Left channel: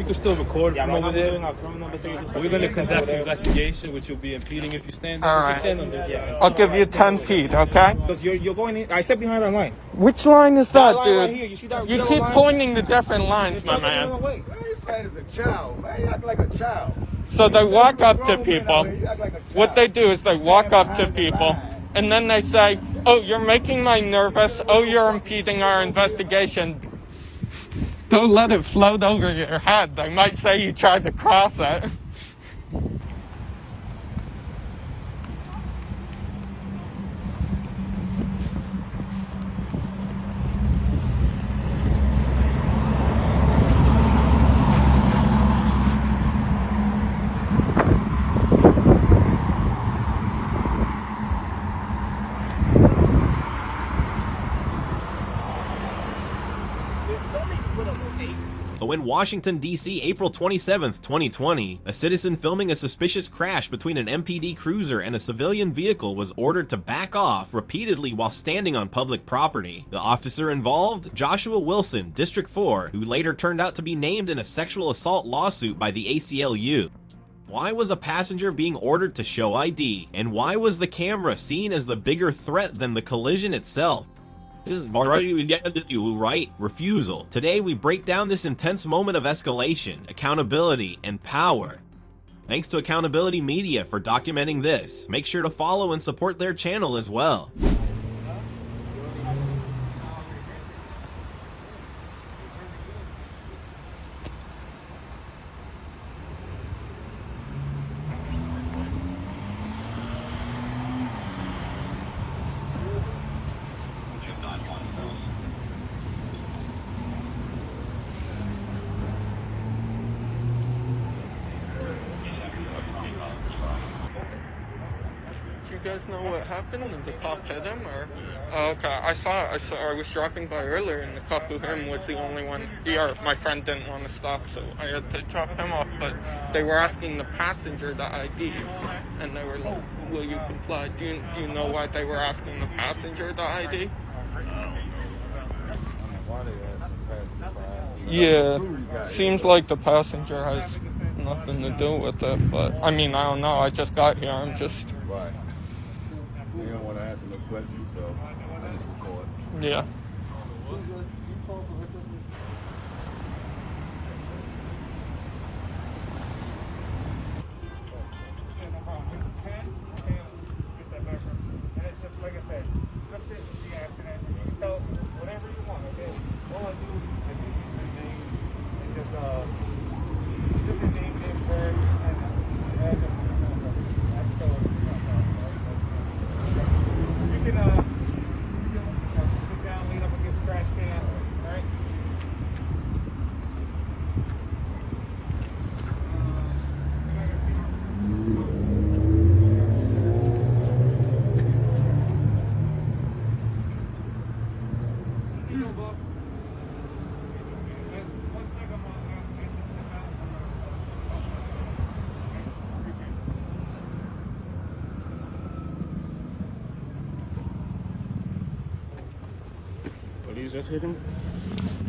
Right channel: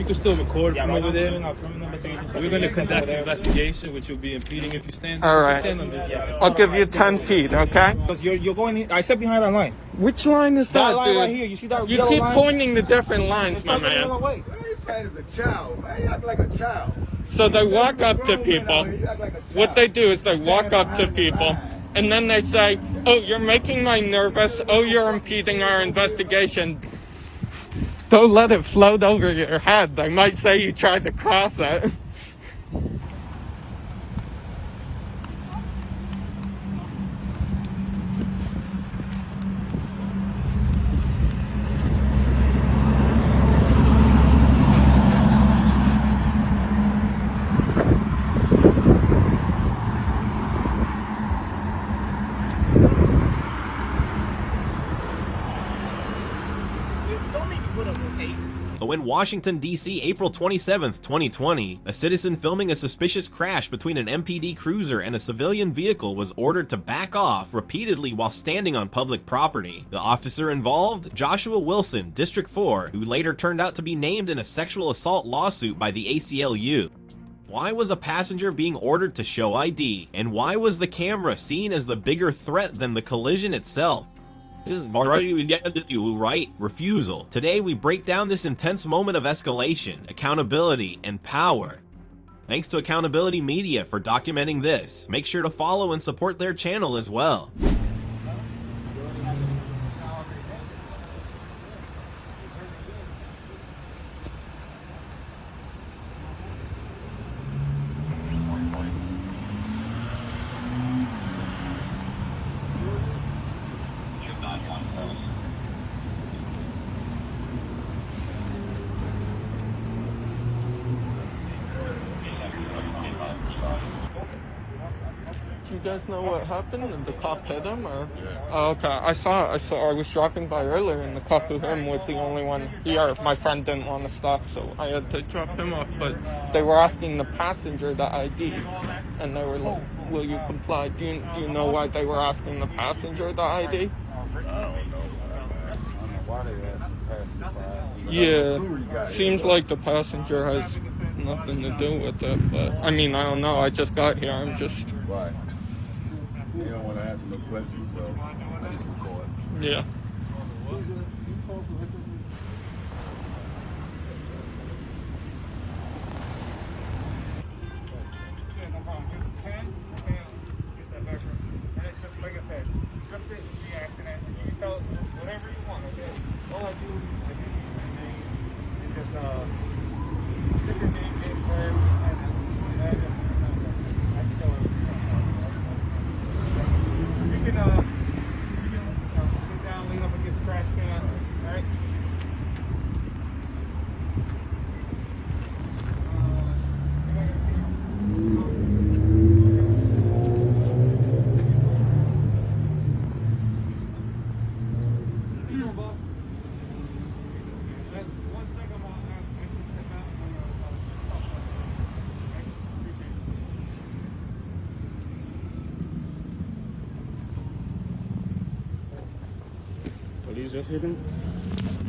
You can still record from over there. We're going to conduct an investigation, which you'll be impeding if you stand. All right. I'll give you 10 feet, okay? You're going in. I said behind that line. Which line is that, Line dude? right here. You see that? You keep pointing to different lines, my man. This man is a child, man. You act like a child. So they walk up to people. What they do is they walk up to people, and then they say, oh, you're making me nervous. Oh, you're impeding our investigation. Don't let it float over your head. They might say you tried to cross it. So in Washington, D.C., April 27th, 2020, a citizen filming a suspicious crash between an MPD cruiser and a civilian vehicle was ordered to back off repeatedly while standing on public property. The officer involved, Joshua Wilson, District 4, who later turned out to be named in a sexual assault lawsuit by the ACLU. Why was a passenger being ordered to show ID? And why was the camera seen as the bigger threat than the collision itself? This is right, refusal. Today we break down this intense moment of escalation, accountability, and power. Thanks to Accountability Media for documenting this. Make sure to follow and support their channel as well. You guys know what happened? The cop hit him, or? Oh, okay, I was driving by earlier, and the cop with him was the only one here. My friend didn't want to stop, so I had to drop him off, but they were asking the passenger the ID, and they were like, will you comply? Do you know why they were asking the passenger the ID? Yeah, seems like the passenger has nothing to do with it, but I mean, I don't know, I just got here, I'm just... You don't want to ask any questions, so just record. Yeah.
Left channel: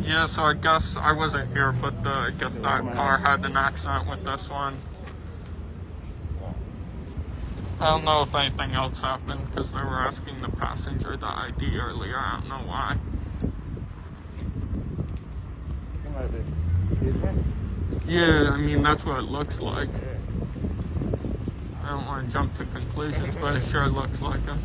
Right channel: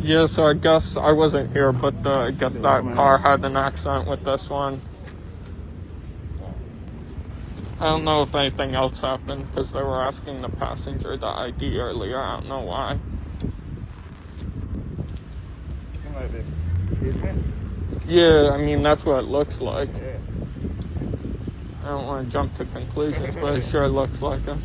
Yeah, so I guess I wasn't here, but I guess that car had an accident with this one. I don't know if anything else happened because they were asking the passenger the ID earlier. I don't know why. Yeah, I mean, that's what it looks like. I don't want to jump to conclusions, but it sure looks like it.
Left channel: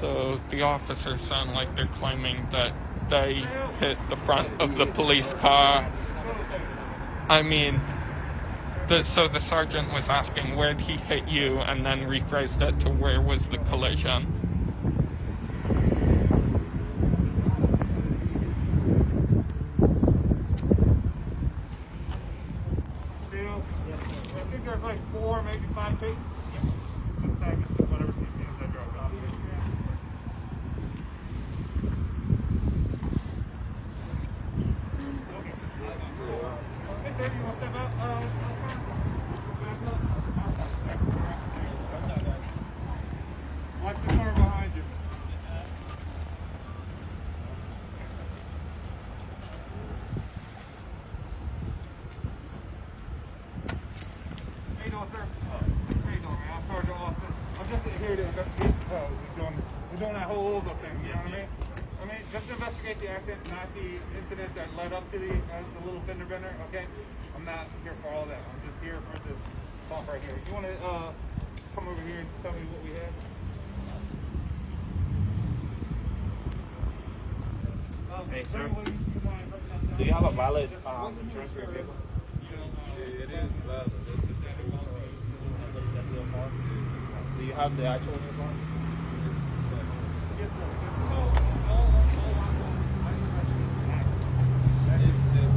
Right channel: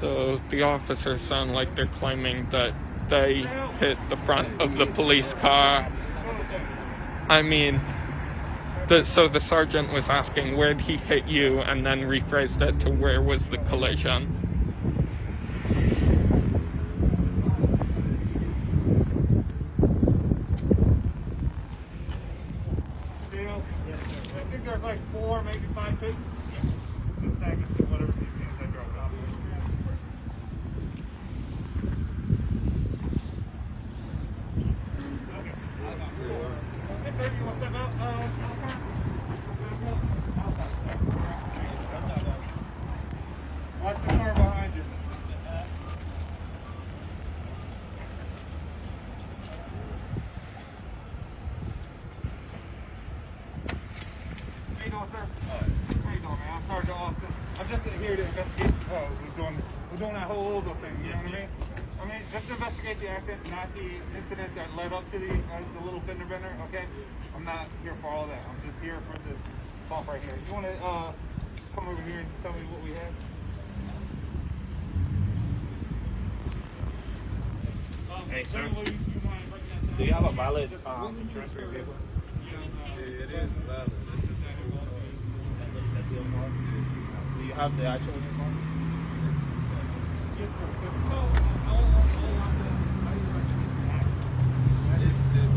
So the officers sound like they're claiming that they hit the front of the police car. I mean, so the sergeant was asking where did he hit you, and then rephrased it to where was the collision. I think there's like 4, maybe 5 tapes. Whatever CCs I dropped off. Hey, sir, you want to step out? Watch the door behind you. How you doing, sir? How you doing, man? I'm Sergeant Austin. I'm just here to investigate. We're doing that whole hold-up thing. You know what I mean? Just to investigate the accident, not the incident that led up to the little fender bender. Okay? I'm not here for all that. I'm just here for this bump right here. You want to just come over here and tell me what we have? Hey, sir. Do you have a valid transfer vehicle? It is valid. Do you have the actual vehicle? Yes, sir.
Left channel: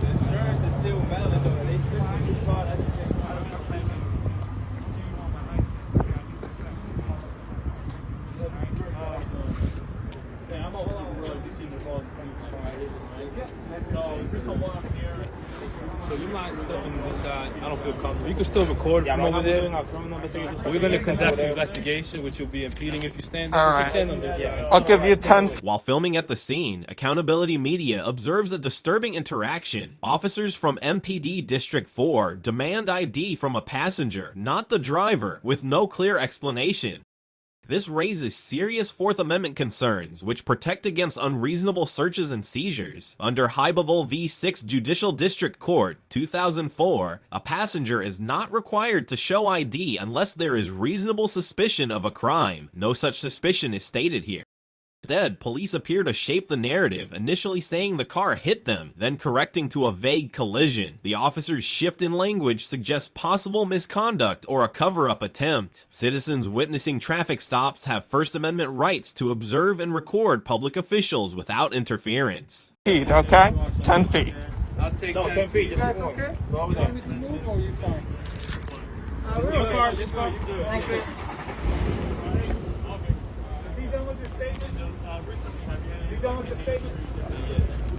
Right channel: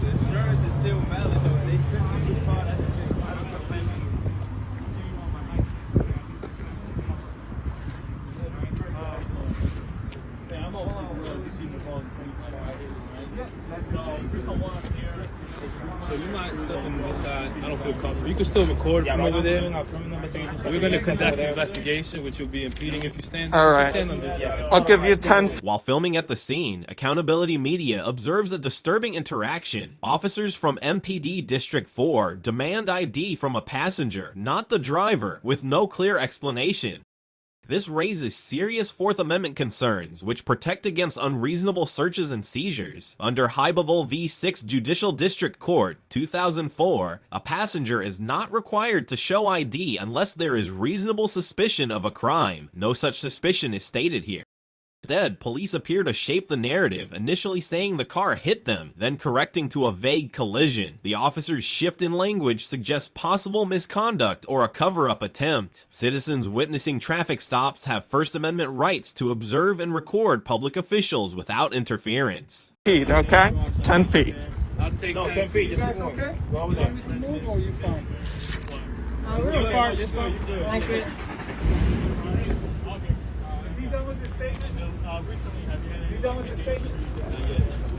Insurance is still valid though. They sent you the car, that's the thing. I'm Officer D.C. So you might step on this side. I don't feel comfortable. You can still record from over there. So we're going to conduct the investigation, which will be impeding if you stand. All right. Stand on this. I'll give you 10. While filming at the scene, Accountability Media observes a disturbing interaction. Officers from MPD District 4 demand ID from a passenger, not the driver, with no clear explanation. This raises serious Fourth Amendment concerns, which protect against unreasonable searches and seizures. Under Hybeville v. 6 Judicial District Court, 2004, a passenger is not required to show ID unless there is reasonable suspicion of a crime. No such suspicion is stated here. Instead, police appear to shape the narrative, initially saying the car hit them, then correcting to a vague collision. The officer's shift in language suggests possible misconduct or a cover-up attempt. Citizens witnessing traffic stops have First Amendment rights to observe and record public officials without interference. Feet, okay? 10 feet. I'll take 10 feet. Just go. Go over there. Your car, just go. Thank you.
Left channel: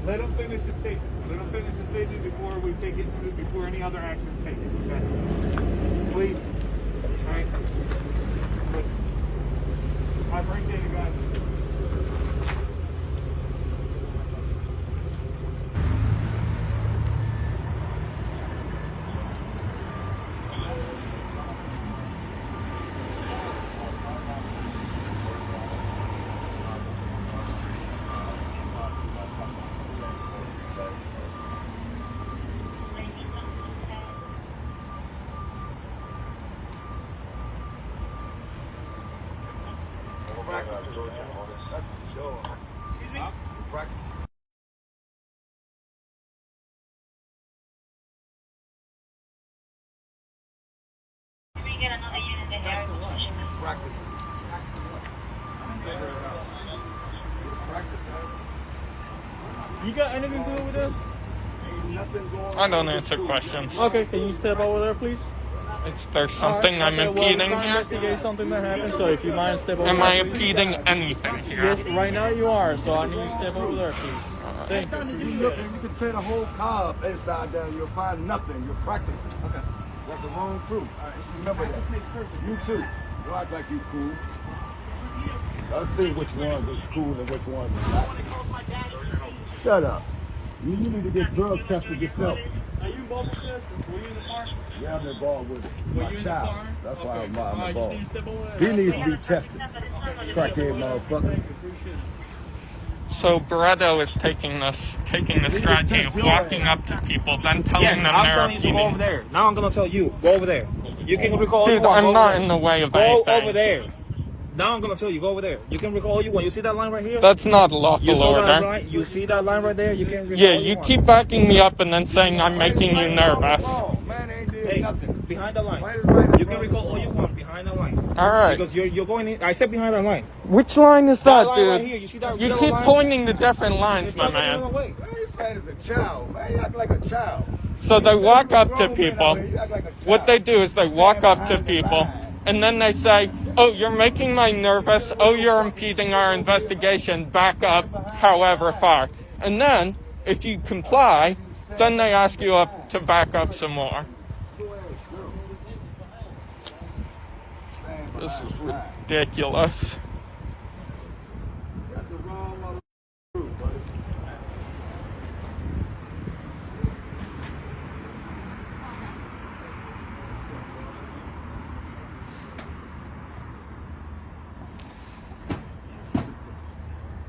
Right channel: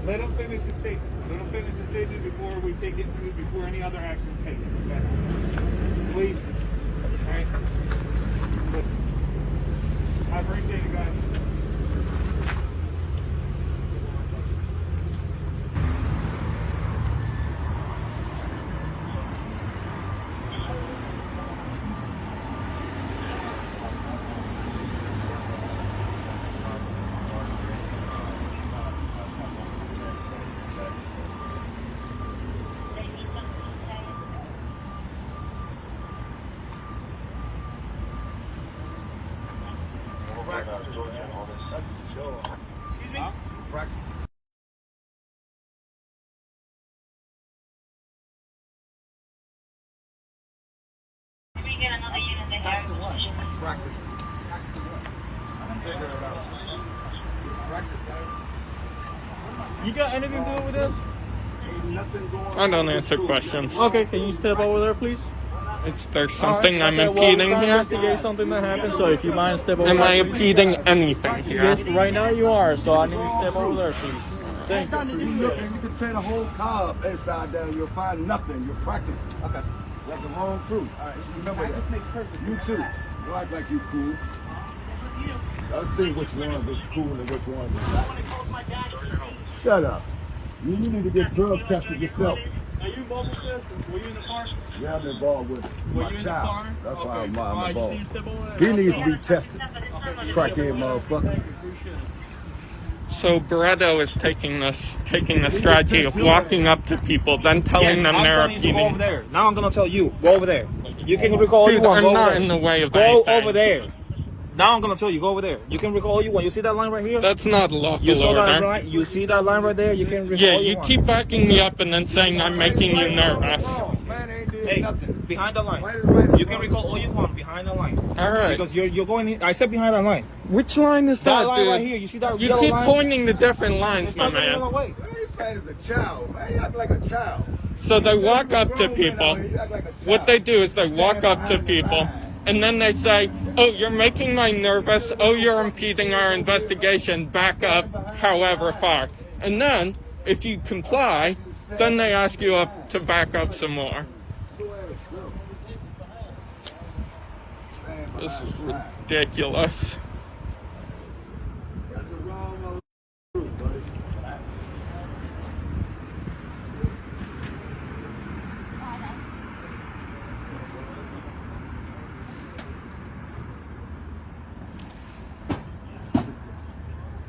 Let him finish his statement. Let him finish his statement before we take it, before any other action is taken. Okay? Please. All right. I appreciate it, guys. That's what you doing. Excuse me? Practice. Practice. Figure it out. Practice. You got anything to do with this? Ain't nothing going on. I don't answer questions. Okay, can you step over there, please? Is there something I'm impeding here? There's something that happened, so if you mind step over Am I there. impeding anything here? Yes, right now you are, so I need you to step over there, please. Next time you look, and you can turn the whole car inside down. You'll find nothing. You're practicing. Okay. That's the wrong crew. All right. Remember that. Practice makes perfect. You too. You act like you cool. Let's see which ones is cool and which ones is not. Shut up. You need to get drug tested yourself. Were you both there? Were you in the car? Yeah, I've been gone with Were my you in the child. car? That's Okay. why I'm All right, you involved. need to step over He there. needs to be tested. Crackhead motherfucker. So Barreto is taking the strategy of walking up to people, then telling them I'm they're telling you to go over impeding. there. Now I'm gonna tell you, go over there. You can recall. Dude, I'm not in the way of Go anything. over there. Now I'm gonna tell you, go over there. You can record all you want. You see that line right here? That's not a lawful You saw that order. right? You see that line right there? You can record Yeah, all you want. keep backing me up and then saying I'm making you nervous. Hey, behind the line. You can record all you want behind the line. All right. Because you're going in. I said behind that line. Which line is that, That line dude? right here. You see that You yellow keep line? pointing to different lines, my Don't get in man. the way. This man is a child, man. You act like a child. So they walk up to people. You act like a child. What they do is they walk up to people, and then they say, oh, you're making me nervous. Oh, you're impeding our investigation. Back up however far. And then, if you comply, then they ask you up to back up some more. This is ridiculous. That's the wrong route, buddy.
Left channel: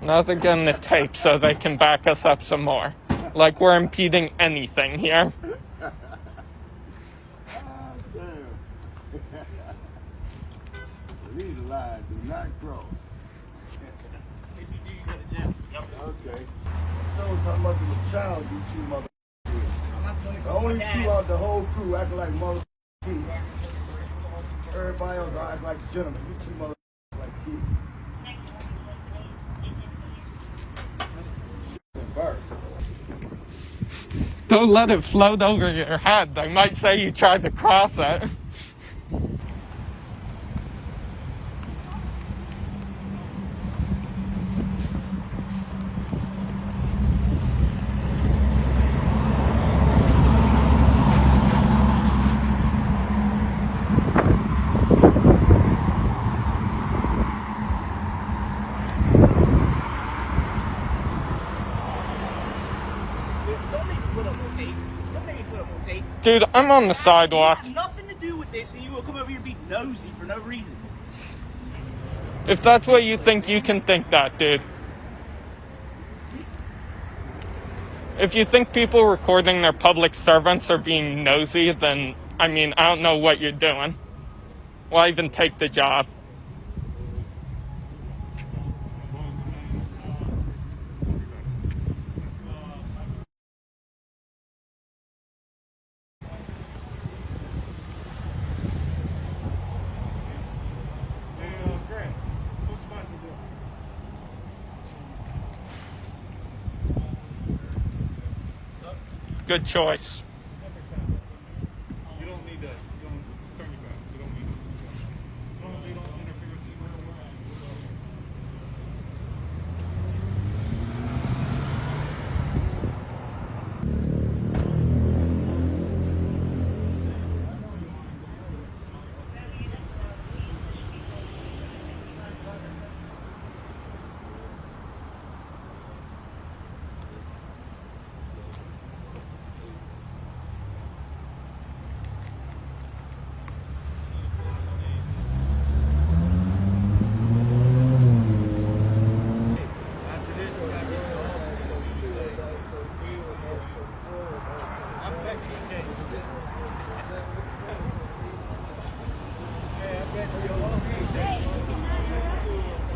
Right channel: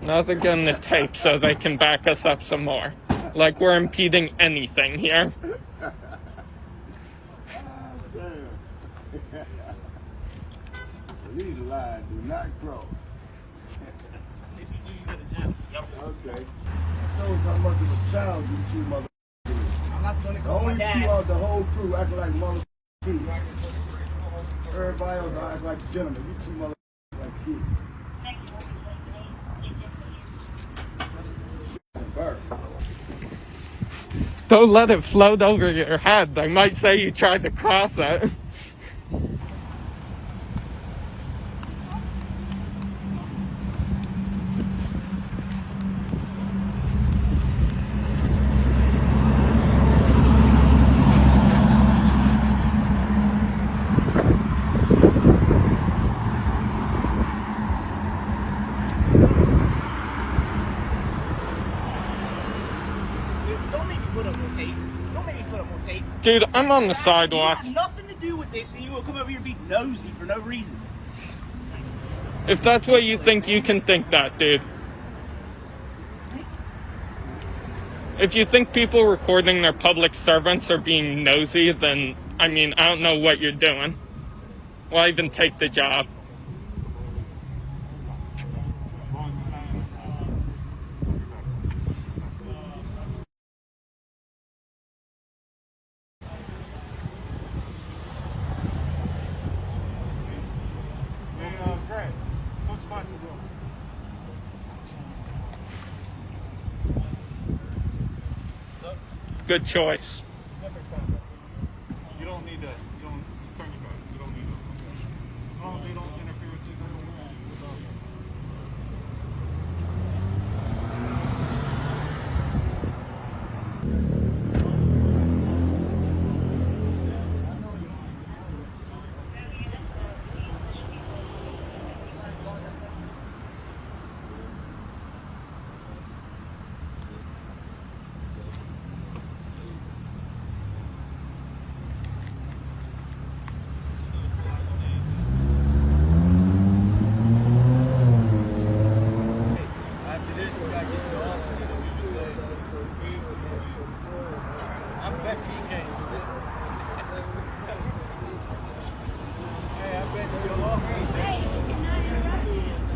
Now they're getting the tape so they can back us up some more. Like we're impeding anything here. These lines do not cross. If you do, you go to jail. Yep. Okay. Shows how much of a child you two mother. I'm not gonna The call my only two dad. of the whole crew acting like mother crew. Everybody else act like gentlemen. You two mother like kids. Don't let it float over your head. They might say you tried to cross it. Don't make me put up more tape. Don't make me put up more tape. Dude, I'm on the sidewalk. You got nothing to do with this, and you will come over here and be nosy for no reason. If that's what you think, you can think that, dude. If you think people recording their public servants are being nosy, then, I mean, I don't know what you're doing. Why even take the job? Hey, Grant, what spot you doing? Good choice. You don't need to. You don't turn your back. You don't need to. You don't interfere with you. After this, you gotta get your officer to do the same. I bet you can't do that. Hey, I bet you your officer can't do that.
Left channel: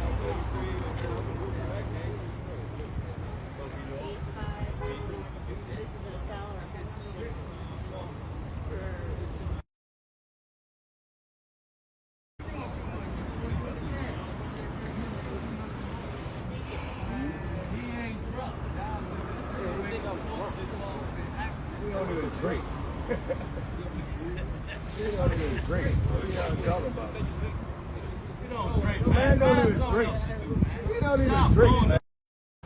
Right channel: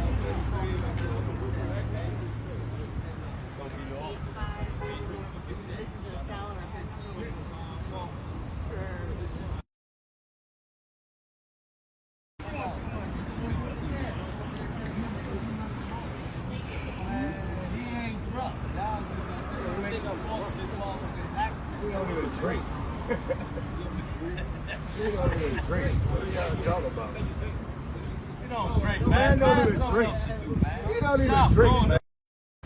He ain't drunk. Y'all niggas make up force get involved with the accident. You don't drink, man. Find something else to do, man. Stop blowing the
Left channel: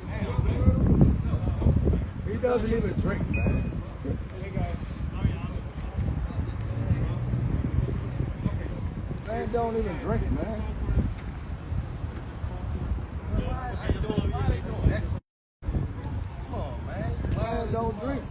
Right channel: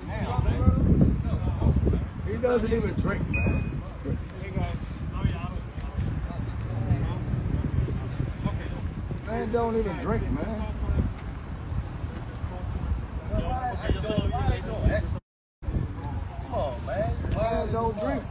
hell, man. He doesn't even drink, man. Man don't even drink, man. Come on, man. Why don't drink?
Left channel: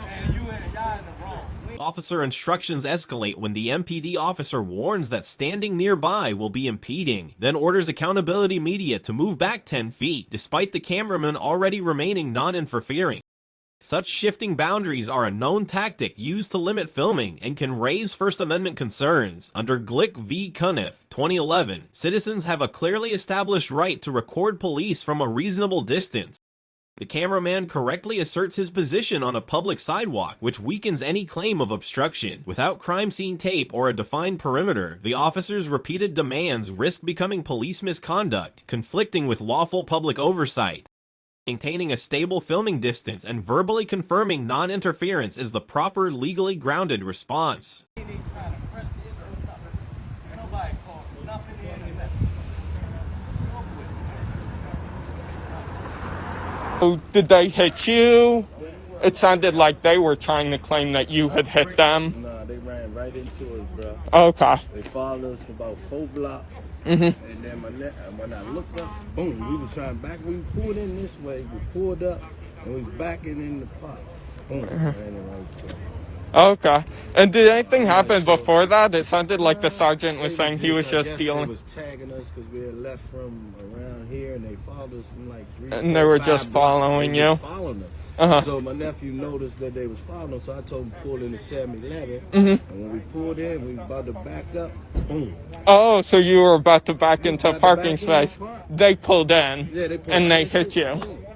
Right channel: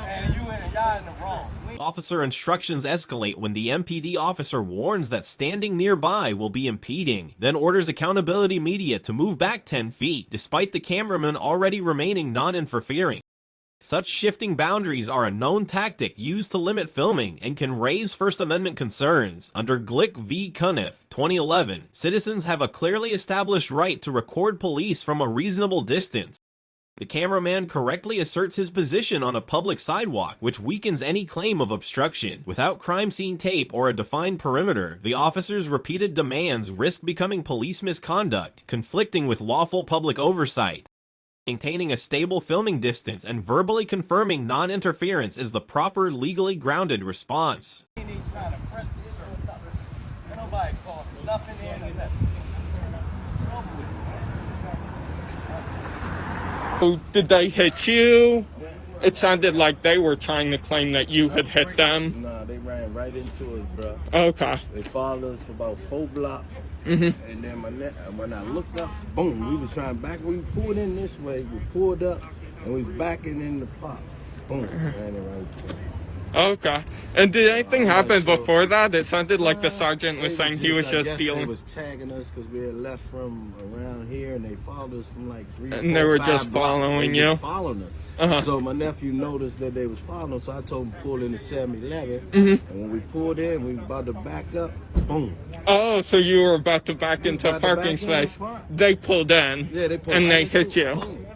And you and y'all in the wrong. Officer instructions escalate when the MPD officer warns that standing nearby will be impeding, then orders accountability media to move back 10 feet, despite the cameraman already remaining non-interfering. Such shifting boundaries are a known tactic used to limit filming and can raise First Amendment concerns. Under Glick v. Cuniff, 2011, citizens have a clearly established right to record police from a reasonable distance. The cameraman correctly asserts his position on a public sidewalk, which weakens any claim of obstruction. Without crime scene tape or a defined perimeter, the officer's repeated demands risk becoming police misconduct, conflicting with lawful public oversight. Maintaining a stable filming distance and verbally confirming non-interference is the proper, legally grounded response. Did they hit you? It sounded like they were trying to claim that you had hit them. Nah, they ran right into us, bro. Okay. They followed us for about 4 blocks. And then when I looked up, boom, we was trying back. We pulled in this way. We pulled up, and we was backing in the park. Boom, ran it right there. Okay. And did anything happen before that? It sounded like the sergeant was saying he was just They dealing. was tagging us because we had left from around here, and they followed us from like 3, And 4, they were 5 just blocks. following They you? just following us. So my nephew noticed that they was following us, so I told him to pull in the 7-Eleven. And when we pulled in, we was about to back up. Boom. Oh, so you were about to back into the parking back in the space. park. They pulled in. Yeah, they pulled and they right hit into you. it. Boom.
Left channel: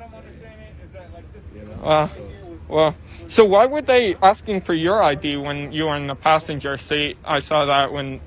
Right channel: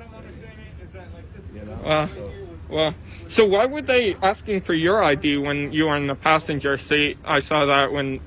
You know? Well, so why were they asking for your ID when you were in the passenger seat? I saw that when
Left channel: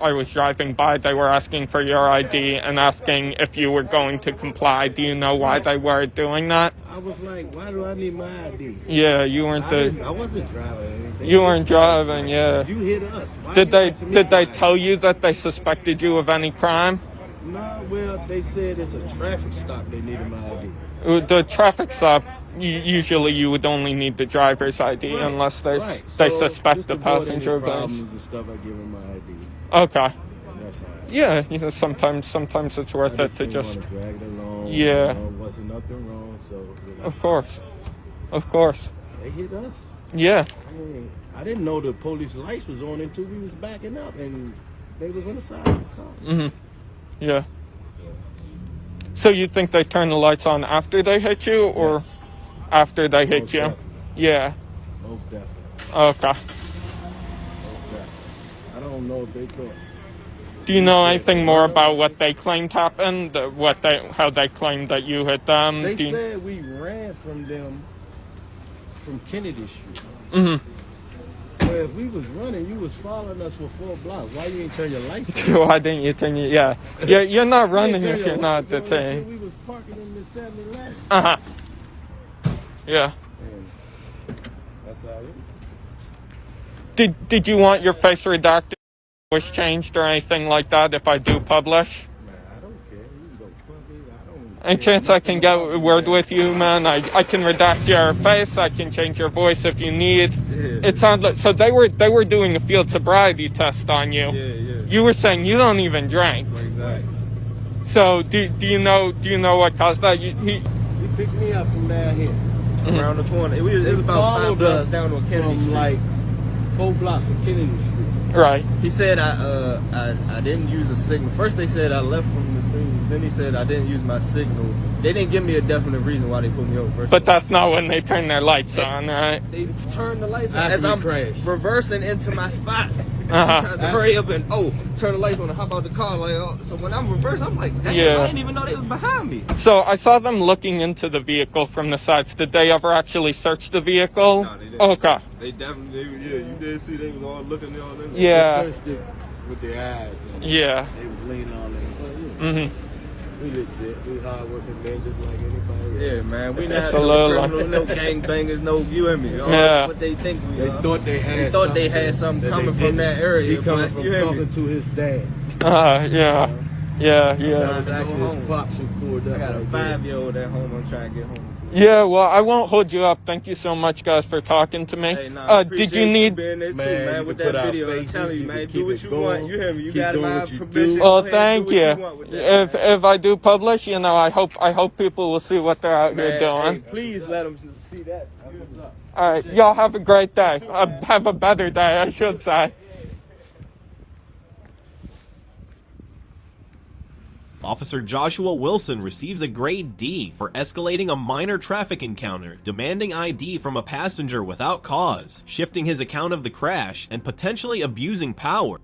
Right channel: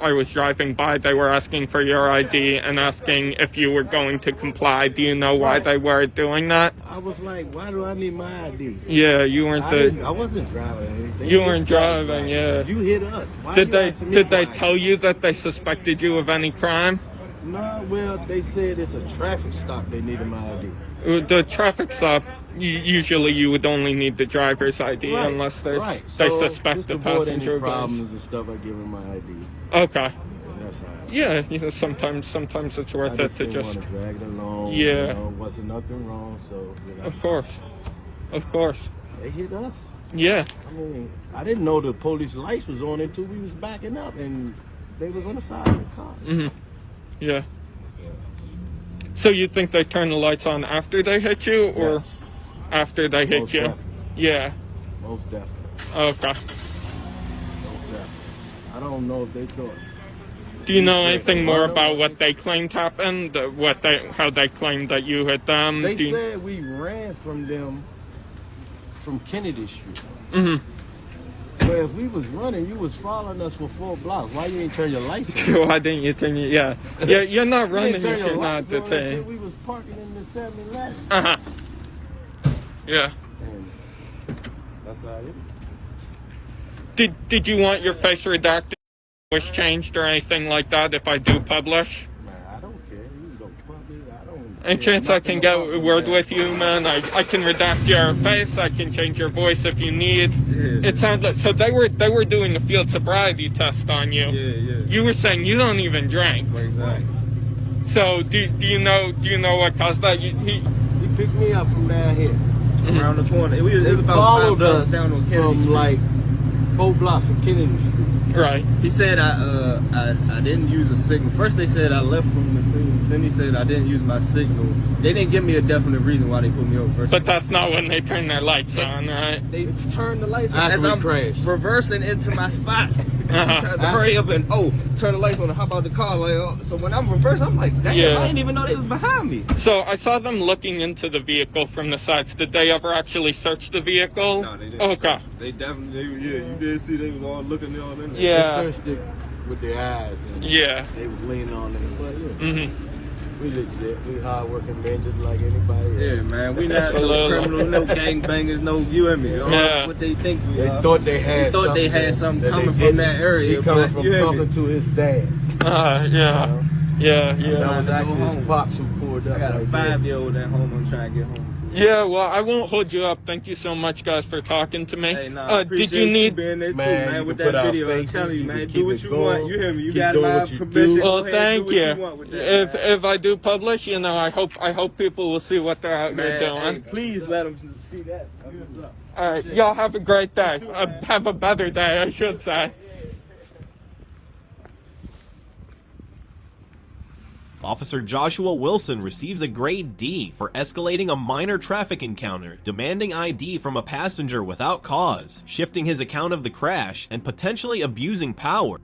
I was driving by, they were asking for your ID and asking if you were going to comply. Do you know why they were doing that? I was like, why do I need my ID? Yeah, you weren't I wasn't driving anything. You weren't driving, yeah. You hit us. Why Did you they asking me for ID? tell you that they suspected you of any crime? No, well, they said it's a traffic stop. They needed my ID. The traffic stop, usually you would only need the driver's ID unless they So, suspect just the to avoid any passenger problems goes. and stuff, I give him my ID. Okay. And that's how Yeah, sometimes it's worth I it just to didn't just. want to drag it along. Yeah. You know, wasn't nothing wrong, so, you know. Of course. They hit us. Yeah. I mean, I didn't know the police lights was on until we was backing up, and they was on the side of the car. Yeah. So you think they turned the lights on after they hit you, or Yes. after they hit Most you? definitely. Yeah. Most definitely. Okay. Most definitely. I don't know if they thought. Do you know anything more about what they claimed happened? How they claimed that you hit them? They said we ran from them from Kennedy Street. Well, if we was running, you was following us for 4 blocks. Why you ain't turn your lights on? Why didn't you turn it? Yeah. You're not You running ain't turn if your you're not lights on until detained. we was parking in the 7-Eleven. Yeah. And that's how it is. Did you want your face redacted, voice changed, or anything like that if I do publish? Man, I don't care. You can go public. I don't Any care chance I nothing can get about a word that. with you, man? I can redact your face. I can change your voice if you need. Yeah. It sounds like so they were doing a field sobriety test on you. Yeah. You were saying you don't even drink. Exactly. So do you know what caused that? He picked me up from down here. Around the corner. It was about 5 blocks down on Kennedy from Street. like 4 blocks of Kennedy Street. Right. He said I didn't use a signal. First they said I left from the scene. Then he said I didn't use my signal. They didn't give me a definite reason why they put me over first. But that's not when they turn their lights on, right? They turned the lights on After as we I'm crashed. reversing into my spot. Uh-huh. Tried to hurry up and turn the lights on and hop out the car. Like, so when I'm reversing, I'm like, damn, Yeah. I didn't even know they was behind me. So I saw them looking into the vehicle from the sides. Did they ever actually search the vehicle? No, they didn't. Okay. They definitely, you did see they was all looking on in there. Yeah. They searched it with their eyes. And Yeah. They was leaning on it. But, Mm-hmm. we legit. We hard-working men just like anybody else. Yeah, man, we not no Absolutely. criminal, no gangbangers, no you and me. Yeah. What they think we They are. thought they had They thought something. they had something that coming they from didn't. that area, He coming but from you hear me? talking to his dad. Yeah. Yeah. That was Go actually home. his pops who pulled I up. got a right there. 5-year-old at home. I'm trying to get home. Yeah, well, I won't hold you up. Thank you so much, guys, for talking to me. Hey, nah, Did you need... being there too, Man, man, you with can put that out video? I'm faces, telling you, you man, can do keep what it you going, want. You hear me? You keep got doing live what you permission. do. Oh, Go ahead, thank do what you. want with that, man. If I do publish, I hope people will see what they're out here Man, doing. hey, please let them see that. All right, y'all have a great day. Have a better day, I should say. Officer Joshua Wilson receives a grade D for escalating a minor traffic encounter, demanding ID from a passenger without cause, shifting his account of the crash, and potentially abusing power.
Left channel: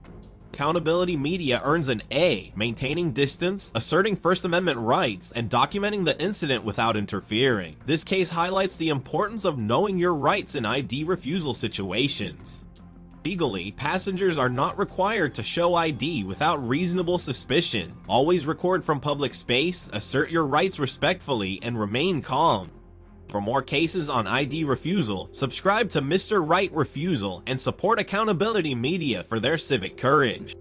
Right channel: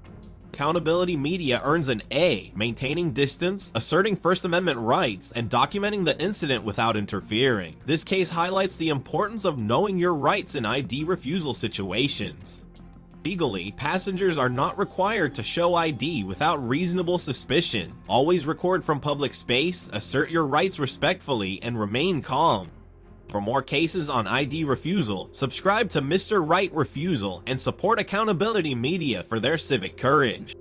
Accountability Media earns an A, maintaining distance, asserting First Amendment rights, and documenting the incident without interfering. This case highlights the importance of knowing your rights in ID refusal situations. Legally, passengers are not required to show ID without reasonable suspicion. Always record from public space, assert your rights respectfully, and remain calm. For more cases on ID refusal, subscribe to Mr. Right Refusal and support Accountability Media for their civic courage.